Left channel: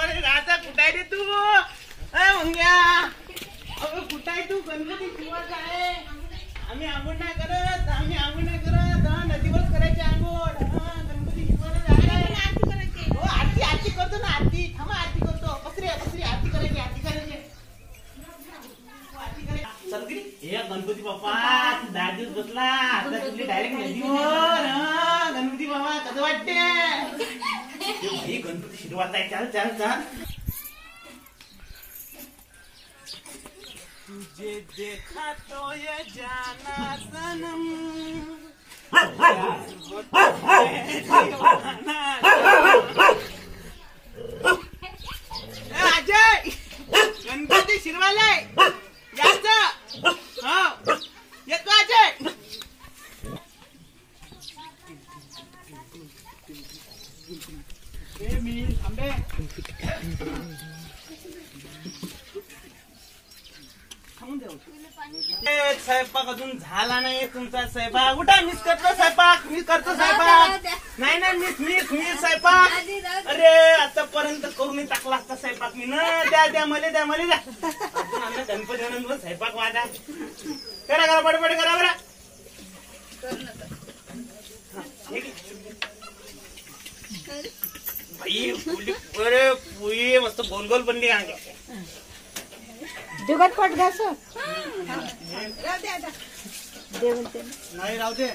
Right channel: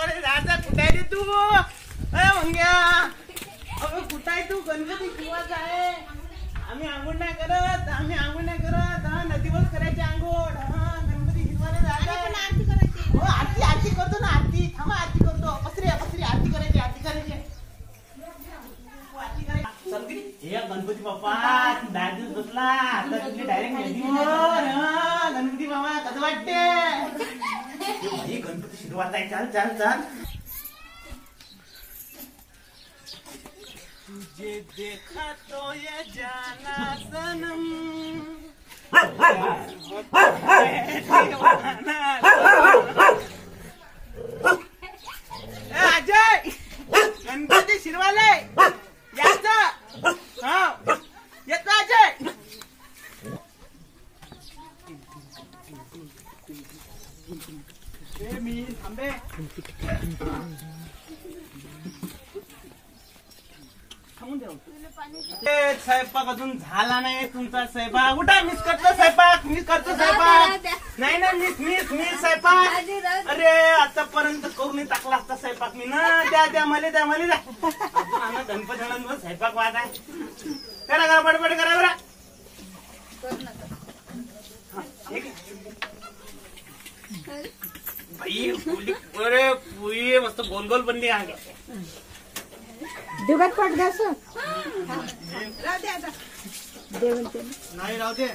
शिरवाले राजा कुठे आहे रे तू? मंग्या अगं कुठे आहे तू? गणपती शिवाचा आहे. आम्ही आंघोळ नाही करत, आम्ही आंघोळ नाही करत. नदीवर करायची आंघोळ. गणपती शिवाले जायला आरती करायची. हो आरती आरती करतो ना. आरती थांबा आरती करतो. पसरी पसरी आरती करायची. आरती करायची. गणपती बाप्पा 10 दिवस बसला आता तुझी डायरेक्ट नदीवर. गणपती बाबा कसं वाटते? गणपती शिरवाचा आहे. चाल चाल चाल. तुझे देखा तो ये जाना सनम अजय गणपती शिरवाले याचा. हा येतो अजय. मी थांबे. स्वयंपाक अजून झाला नाही तुमचा. स्वयंपाक कुठे? मीच करतो स्वयंपाक. मी करतो स्वयंपाक. नाही नाही मीच स्वयंपाक. अरे आतापर्यंत करून टाकला असता स्वयंपाक मी ना. द्या मला द्या मला. अजून आम्ही गणपती म्हणून स्वयंपाक वाद आहे. करा करा बडबड करा बरं. बाई पुरी मस्त गोल गोल बनली. दुगत पट घास नाही राहू दे.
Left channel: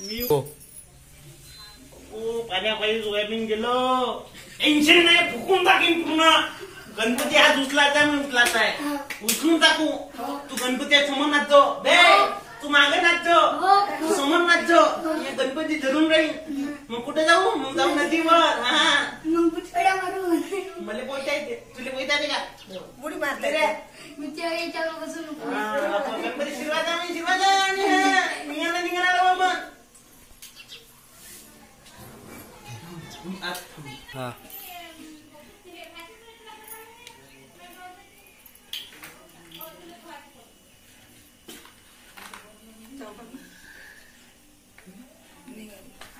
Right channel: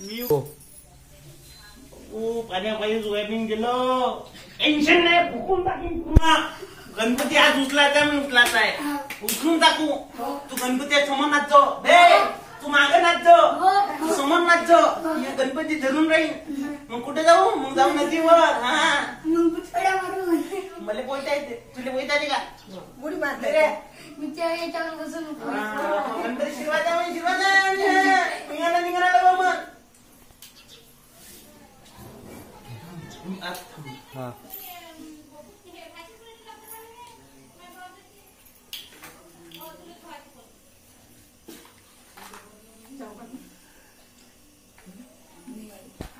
मी पाण्यापायी सोयाबीन गेलो. टेन्शन नाही. फुकून टाकीन पूर्ण. गणपती आज उचलायचा मी उचलायचा आहे. उचलून टाकू. तू गणपती समोर नाचतो. तू मागे नाचतो. तू समोर नाचतो. मी गणपती धरून राहीन. मग कुठे जाऊ? मग जाऊ नदीवर. मला पोहता येते. तुला पोहता येते का? उडी मारते रे. गणपती शिरवाजा निघाला निघाला बाबा. हा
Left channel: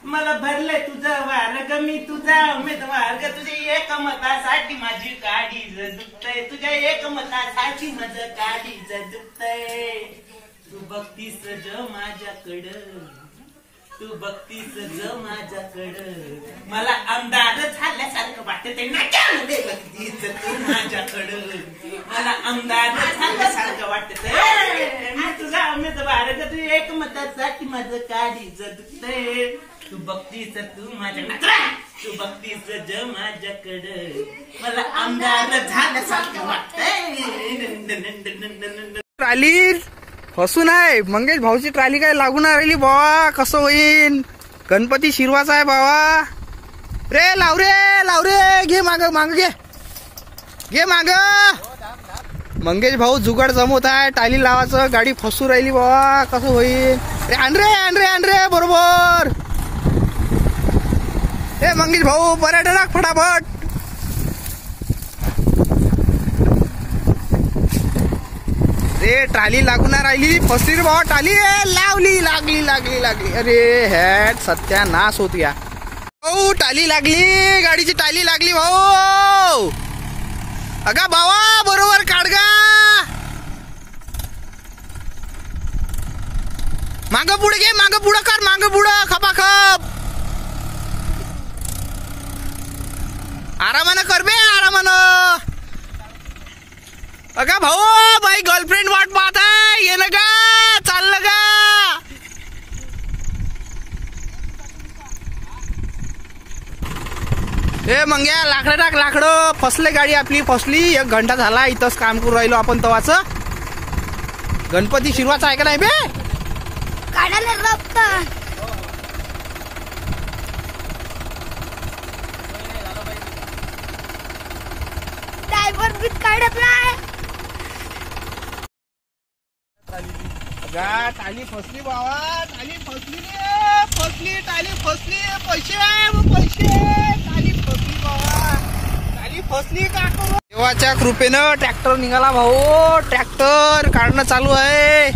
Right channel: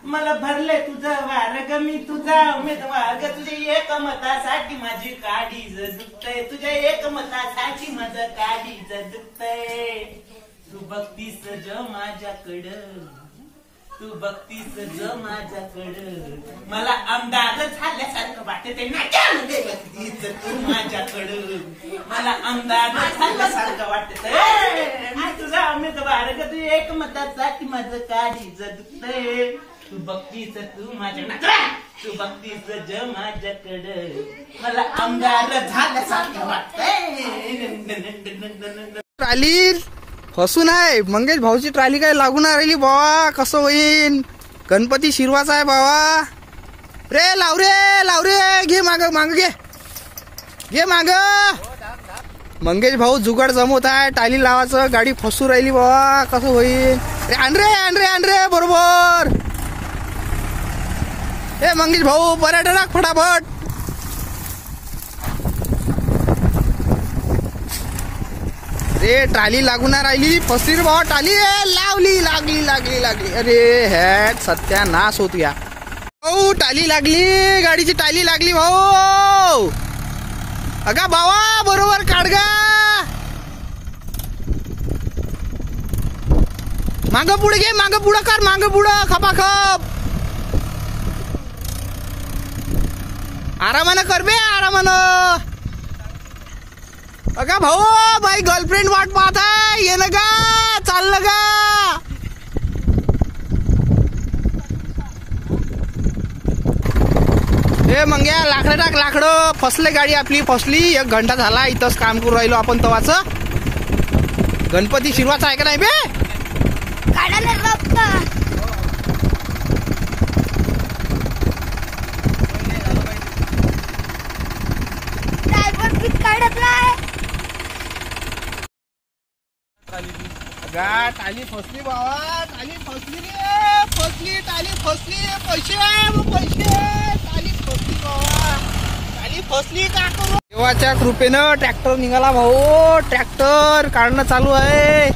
मला भरले तुझं वार ग. मी तुझा उमेदवार ग. तुझ्या एक मतासाठी माझी काळीज दुखतय. तुझ्या एक मतासाठी माझं काळीज दुखतय. तू बघतीस ज माझ्याकडं. तू बघतीस ज माझ्याकडं. मला आमदार झाल्यासारखं वाटते. नाट्यामध्ये बघतीस तू माझ्याकडं. मला आमदार झाल्यासारखं वाटत. मी तुझा उमेदवार ग. तुझ्या एक मतासाठी माझं काळीज दुखतय. तू बघतीस तू माझ्या नाचरा. तू बघतीस ज माझ्याकडं. मला आमदार झाल्यासारखं वाटतंय. ट्राली फसून आहे. मंगेश भाऊची ट्राली काय लागून राहिली बाबा. कसं होईन? गणपती शिरवाचा आहे बाबा. रे लाव रे. घे माग घे माग. मंगेश भाऊ जुगाड जमवत आहे. टाली लावायचं. गाडी फसू राहिली बाबा. कसं होईल? रे आण रे बरोबर. हे मंगेश भाऊ पर्यटनाक फटाफट. रे ट्राली लागून राहिली. फसली रे बाबा टाली. लागली. अरे हॅट सत्यानाश होत या भाऊ. टाली लागली. गाडीची टाली लागली भाऊ. अगा बाबा बरोबर काढगा. माग पुढे घे. माग पुढं कर. माग पुढं खपाखप. आरामानं कर बे. आरामानं. अगा भाऊ बाई गर्लफ्रेंड वाट पाहत आहे. ये ना का? चाललं का? ए मंग्या लाकडं टाक. लाकडं फसले. गाडी आपली फसली. 1 घंटा झाला इथंच काम करून राहिलो आपण तवाच. गणपती शिरवाचा आहे का नाही बे? टाली फसली बाबा. टाली फसली. टाली फसली. पैसे. टाली फसली बाबा. टाली फसली. का करू? देवाच्या कृपेनं ट्रॅक्टर निघाला भाऊ. ट्रॅक्टर काढणं चालू आहे.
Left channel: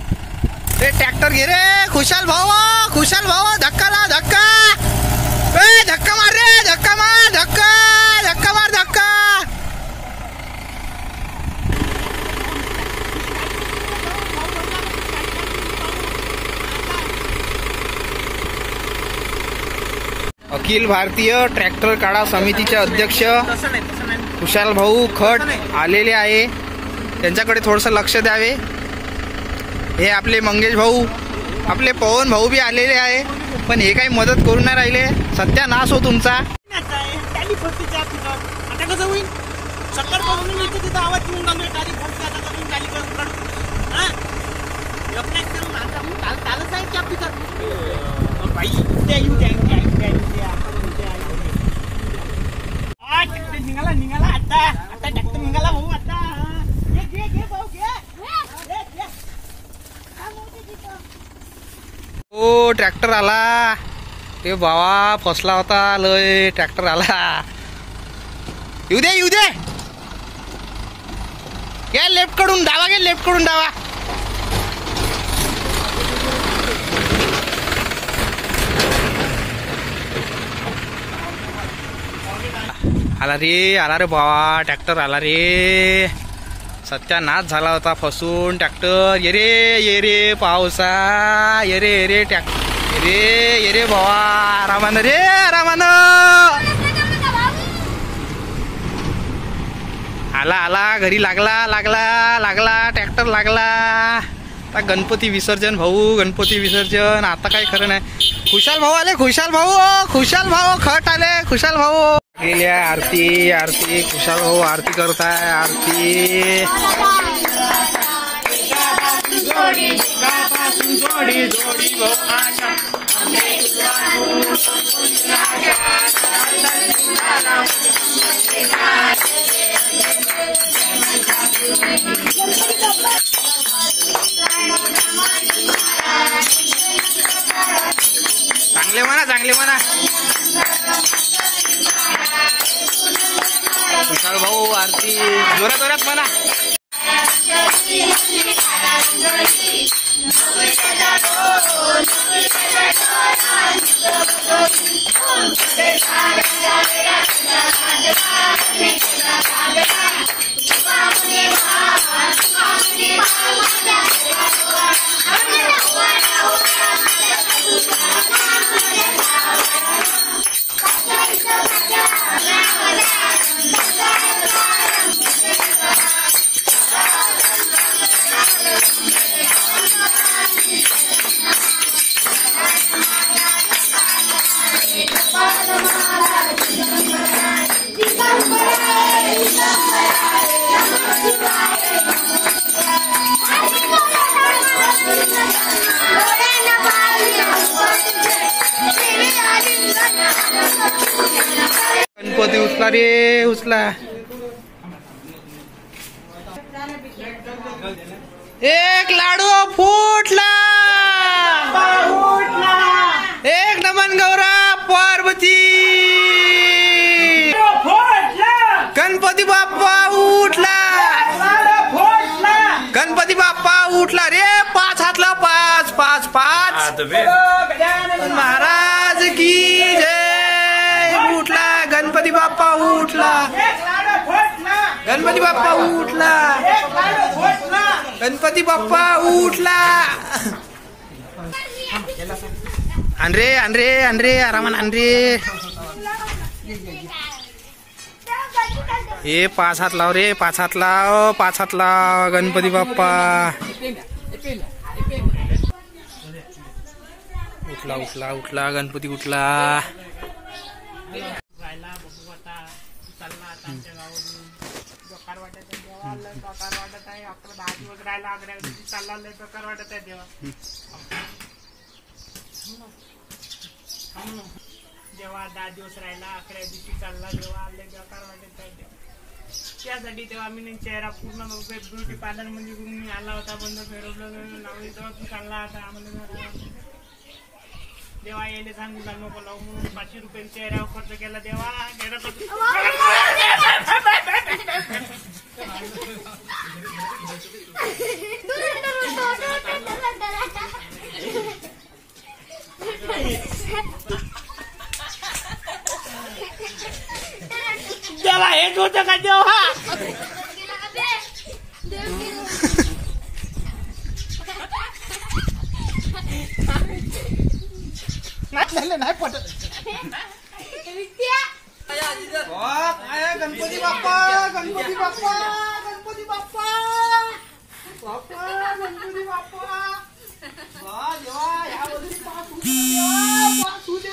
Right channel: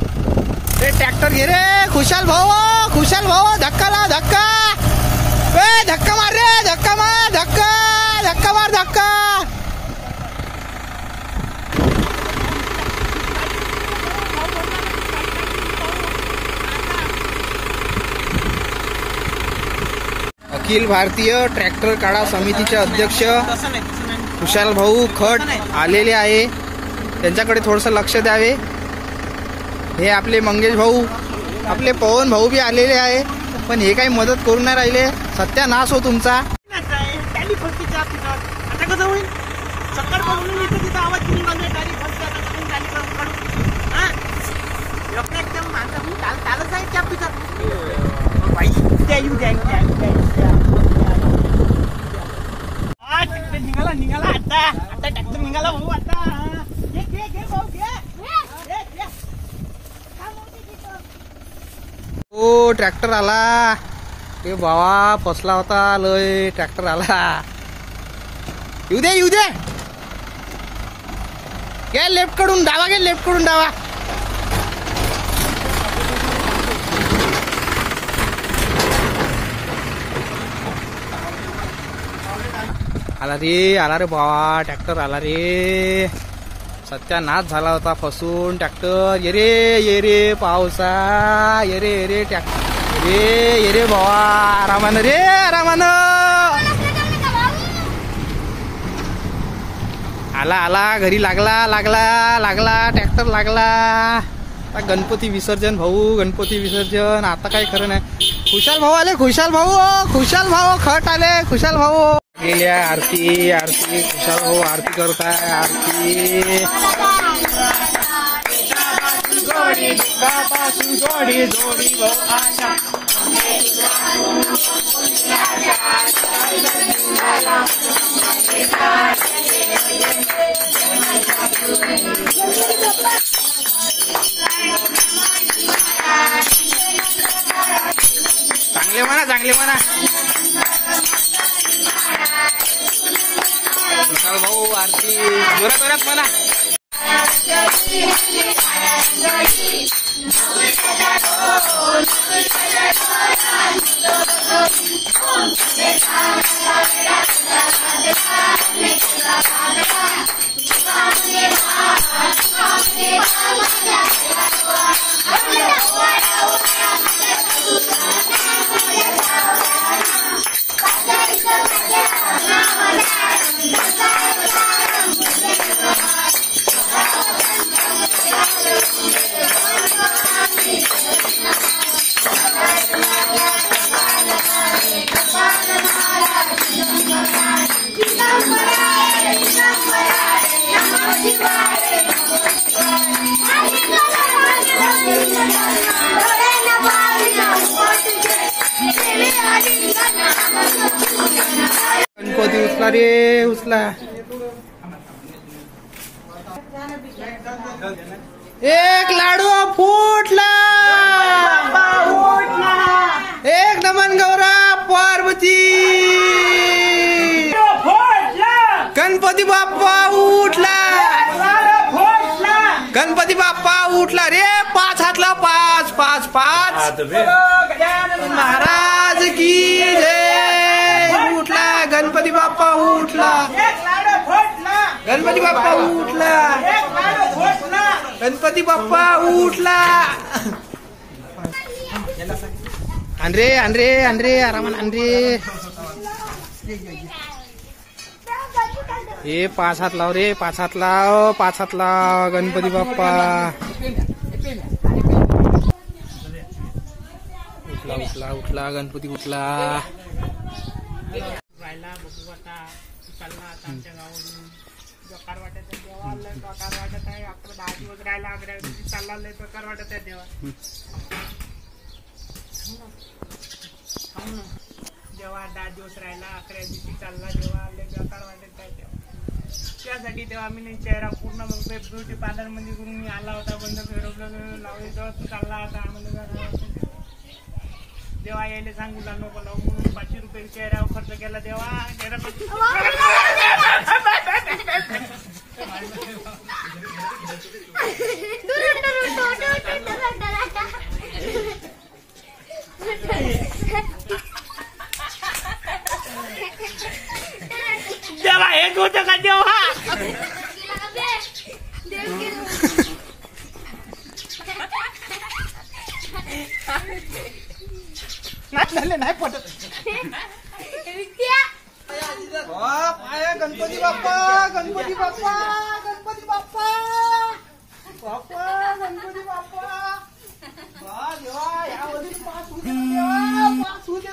रे ट्रॅक्टर घे रे. खुशाल भाऊ. धक्का ला. धक्का मार रे. धक्का. अखिल भारतीय ट्रॅक्टर काढा समितीचे अध्यक्ष तसं नाही खुशाल भाऊ खट आलेले आहे. त्यांच्याकडे थोडंसं लक्ष द्यावे. हे आपले मंगेश भाऊ, आपले पवन भाऊ बी आलेले आहे, पण हे काही मदत करू नाही राहिले. सत्यानाश हो तुमचा. आता कसं होईल? सत्तर पासून इथं तिथं आवाज घेऊन घालून टाली फसते. आता कसं टाली काढू? हा एकदम माणसा चालत आहे त्या पिकात बाई. ट्रॅक्टर निघाला आता ट्रॅक्टर निघाला भाऊ. आता घे भाऊ घे. ओ ट्रॅक्टर आला. ते बाबा फसला होता लय. ट्रॅक्टर आला. येऊ दे घे. लेफ्ट कडून डावा घे. लेफ्ट कडून डावा. आला रे बाबा. ट्रॅक्टर आला रे. सत्यानाश झाला होता फसून ट्रॅक्टर. ये रे पावसा. ये रे ट्रॅक्टर. ये रे बाबा. आरामानं आला घरी लागला ट्रॅक्टर लागला. आता गणपती विसर्जन भाऊ. गणपती विसर्जन आता काही खरं नाही. खुशाल भाऊ आले. खुशाल भाऊ खट आले. खुशाल भाऊ गेल्या. आरती खुशाल भाऊ आरती करताय. आरती चांगले म्हणा. खुशाल भाऊ आरती जोरात म्हणा. गणपती उचला रे उचला. एक लाडू फुटला. एक नमन गौरव पार्वती. गणपती बाप्पा उठला. गणपती बाप्पा उठला रे. 5 हातला 5 5 5. महाराज की जय. उठला गणपती बाप्पा उठला. गणपती बाप्पा उठला. गणपती बाप्पा उठला. आणरे आरामान आणरे. हे 5 हात लाव रे. 5 हात लाव. 5 हात लाव. गणपती बाप्पा उठला. गणपती उठला. राहिला बघू आता चालला. आता आमच्या गावावरून प्रकार वाटत आहे देवा. लय प्रकार वाटत आहे. 11-10 दिवस राहिला. 11 दिवशी चालला. लय प्रकार वाटत आहे देवा. जेव्हा 10 दिवस राहिला. 11 दिवशी चालला देवा. लय प्रकार वाटत आहे देवा. त्यासाठी तेव्हा मी चेहरा पूर्ण ब्युटी पार्लर मध्ये करून मी आला होता. बंद फिरवलं लावली. तेव्हा तू चालला आता आम्हाला देवा. यायला सांगू नको लावू म्हणून 500 रुपये चेहऱ्यावर खर्च केला देवा. देवा हेच होतं का देवा. नाही पटत. गणपती बाप्पा गणपती बाप्पा गणपती बाप्पा बाप्पा गणपती बाप्पा देवा यामध्ये पाच होऊ दे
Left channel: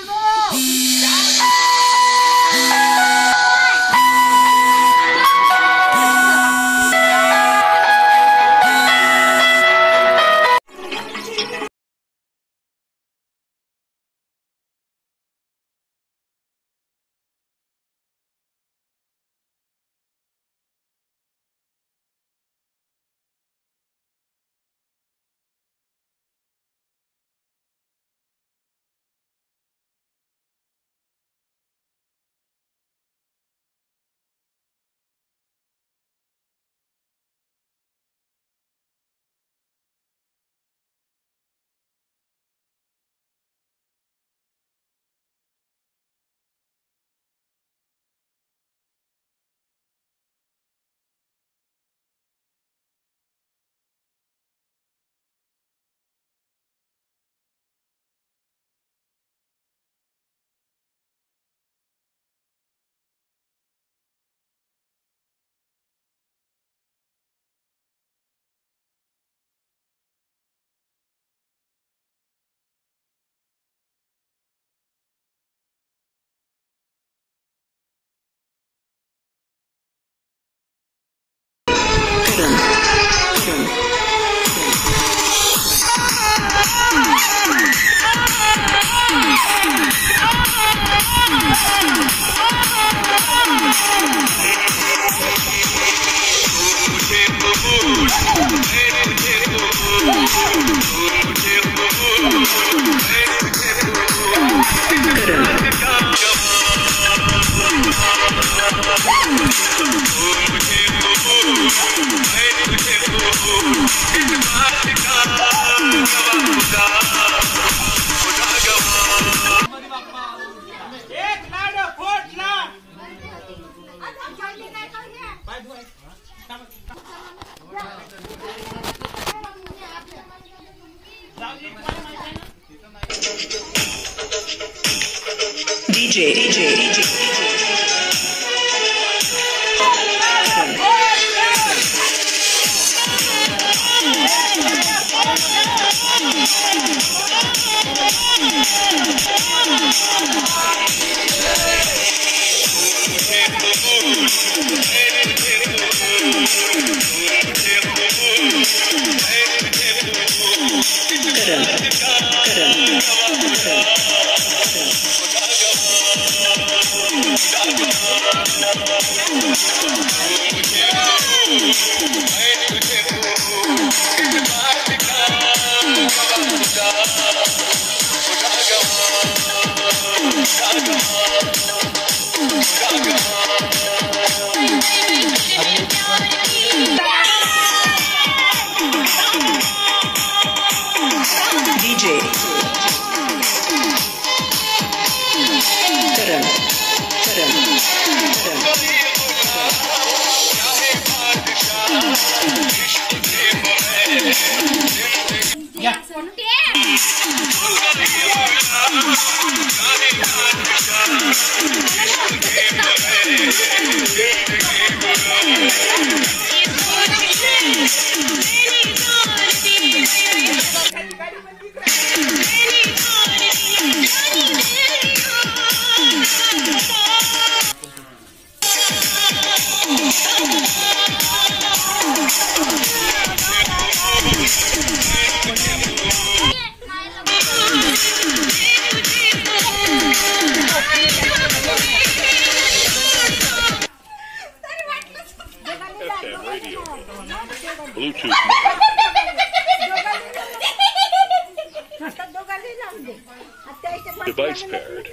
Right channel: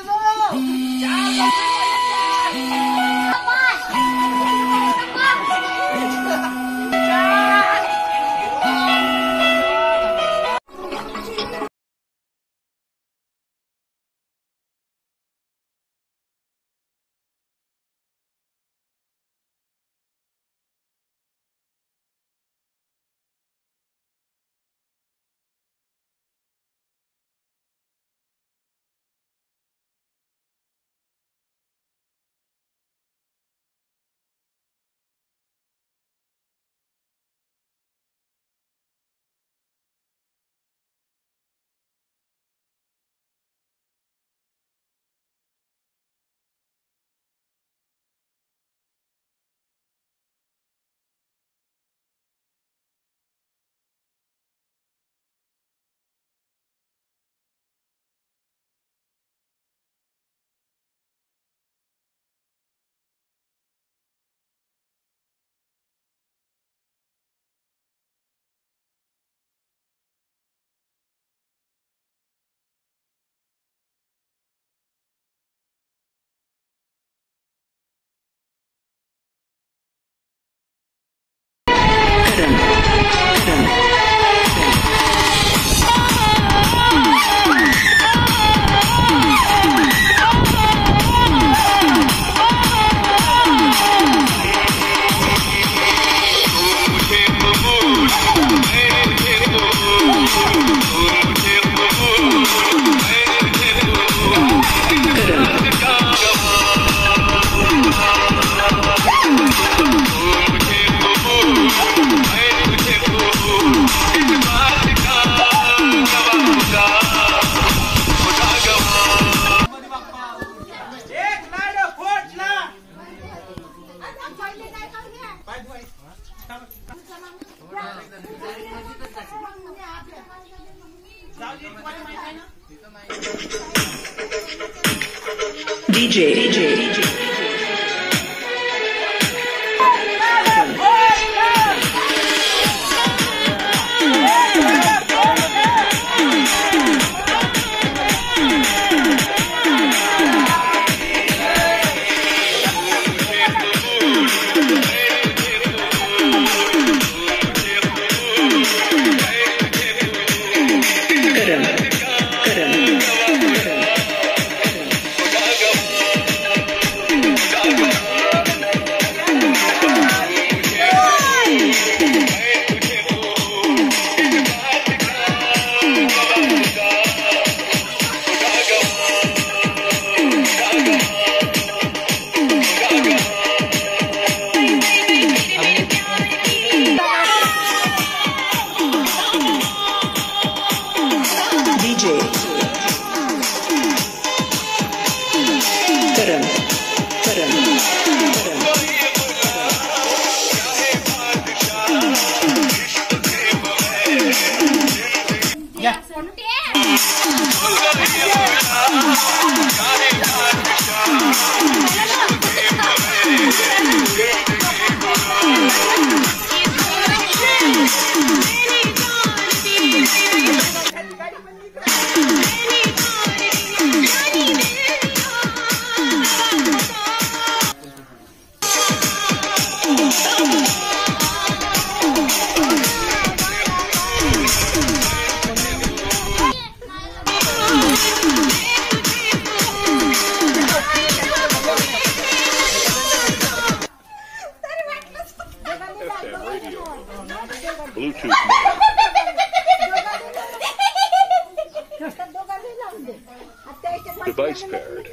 Device paired.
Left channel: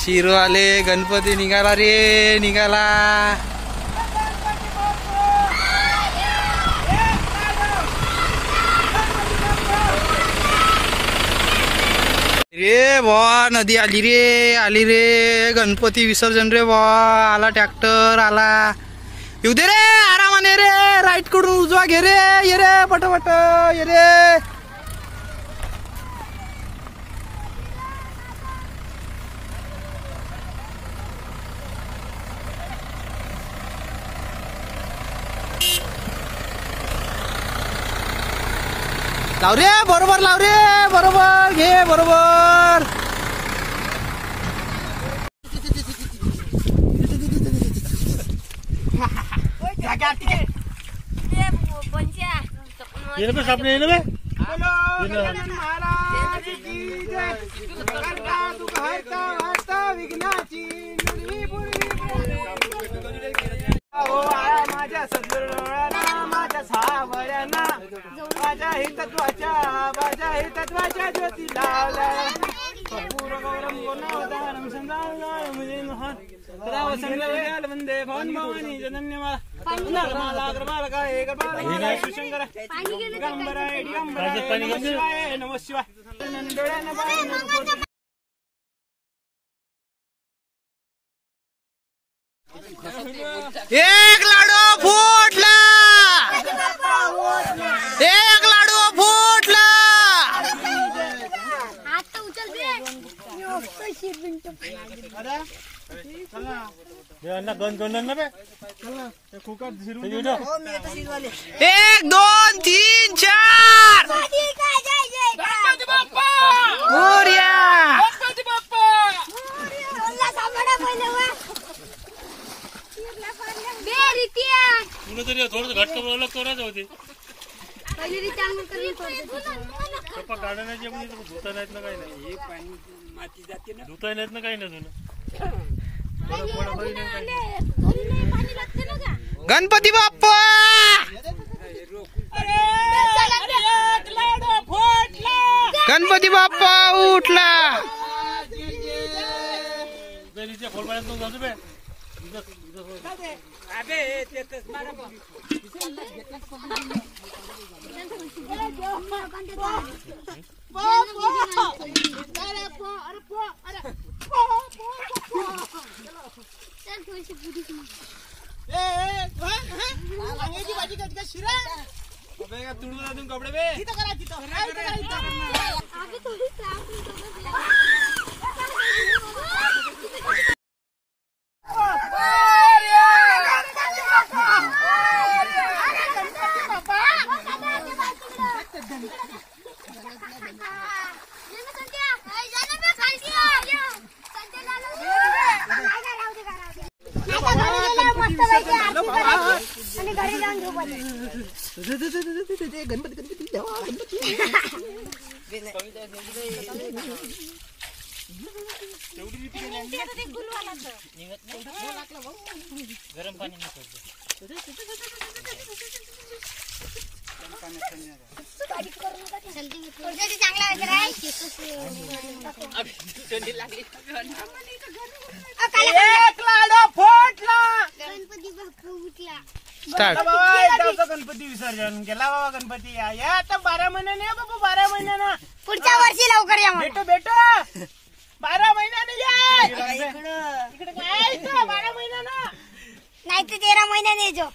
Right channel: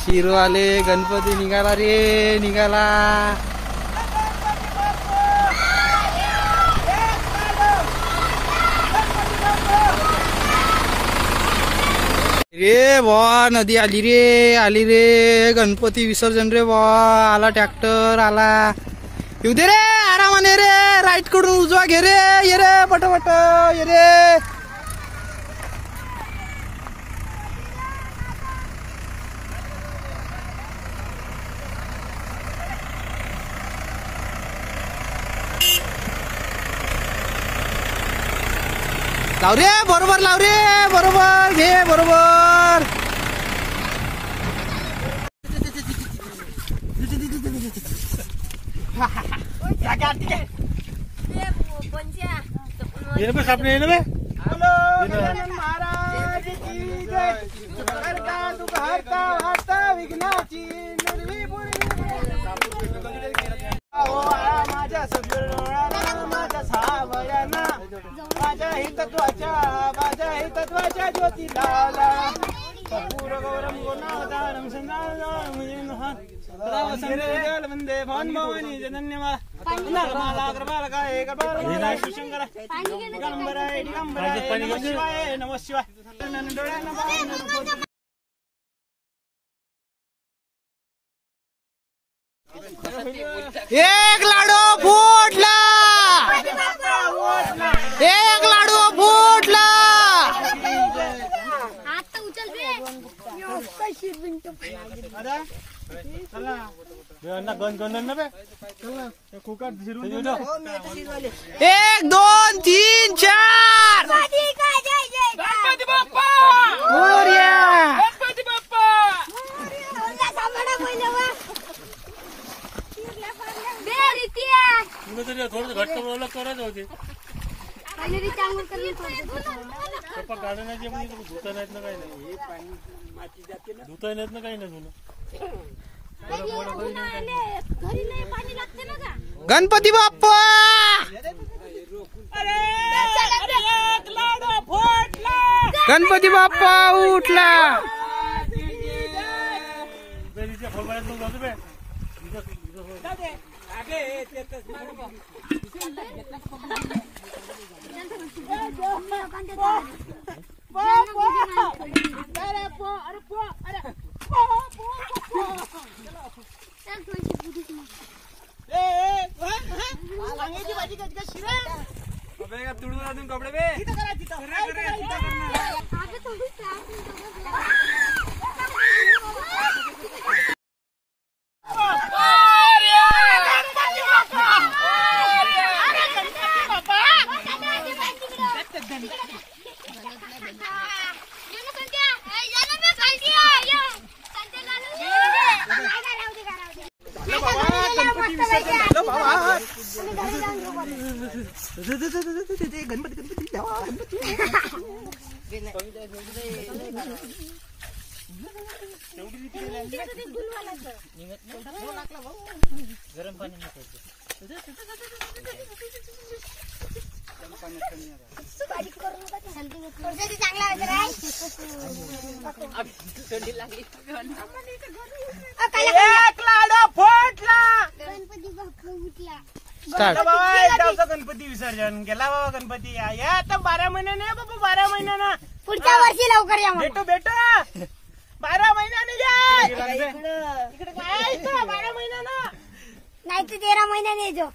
शिरवाले गणपती निघाला रे, निघाला. रे बा नदी आली रे गणपती विसर्जन रे बा आला ट्रॅक्टर आला येऊ दे रे आरामाने रे राईट कडून उजवा घे रे ये रे पटपट ये रे लाव रे बरोबर लाव रे बरोबर घे बरोबर महाराज की जय करता दुःख हरता वार्ता विघ्नाची निर्वी माझ्या सद्गुरूंना माझ्या सावळ्यांना माझ्या हितत्वाच्या ज्योती लावला पूर गौरम गुणावतारम संग्राम वंदे भवन भवानी जनन्यमाला अग्रमालकाय गणपती शिवशंकर दिगंबराय दिगंबराय नमः शिवाय नमः शिवाय एक लाडू फुटला एक लाडू फुटला एक दोन तीन चार गणपती बाप्पा मोरया गणपती बाप्पा थोडं घट्ट अलग करायचं होते गाड्या धुता नाहीत ना काही नाही धुता नाहीत ना काही नाही गणपती बाप्पा गणपती बाप्पा उठला फळबाळ्यात जातो बे तुडून अजून कपडे बे गरम पाणी एक लाडू फुटला गणपती विसर्जन केला बाबा गणपती या आता 12 महिन्याने बाबा 12 महिन्यानं पुढच्या वर्षी लवकर या भेटू 12 महिन्याने या इकडे काय 12 महिन्यानं नाही तर 13 महिन्याने जो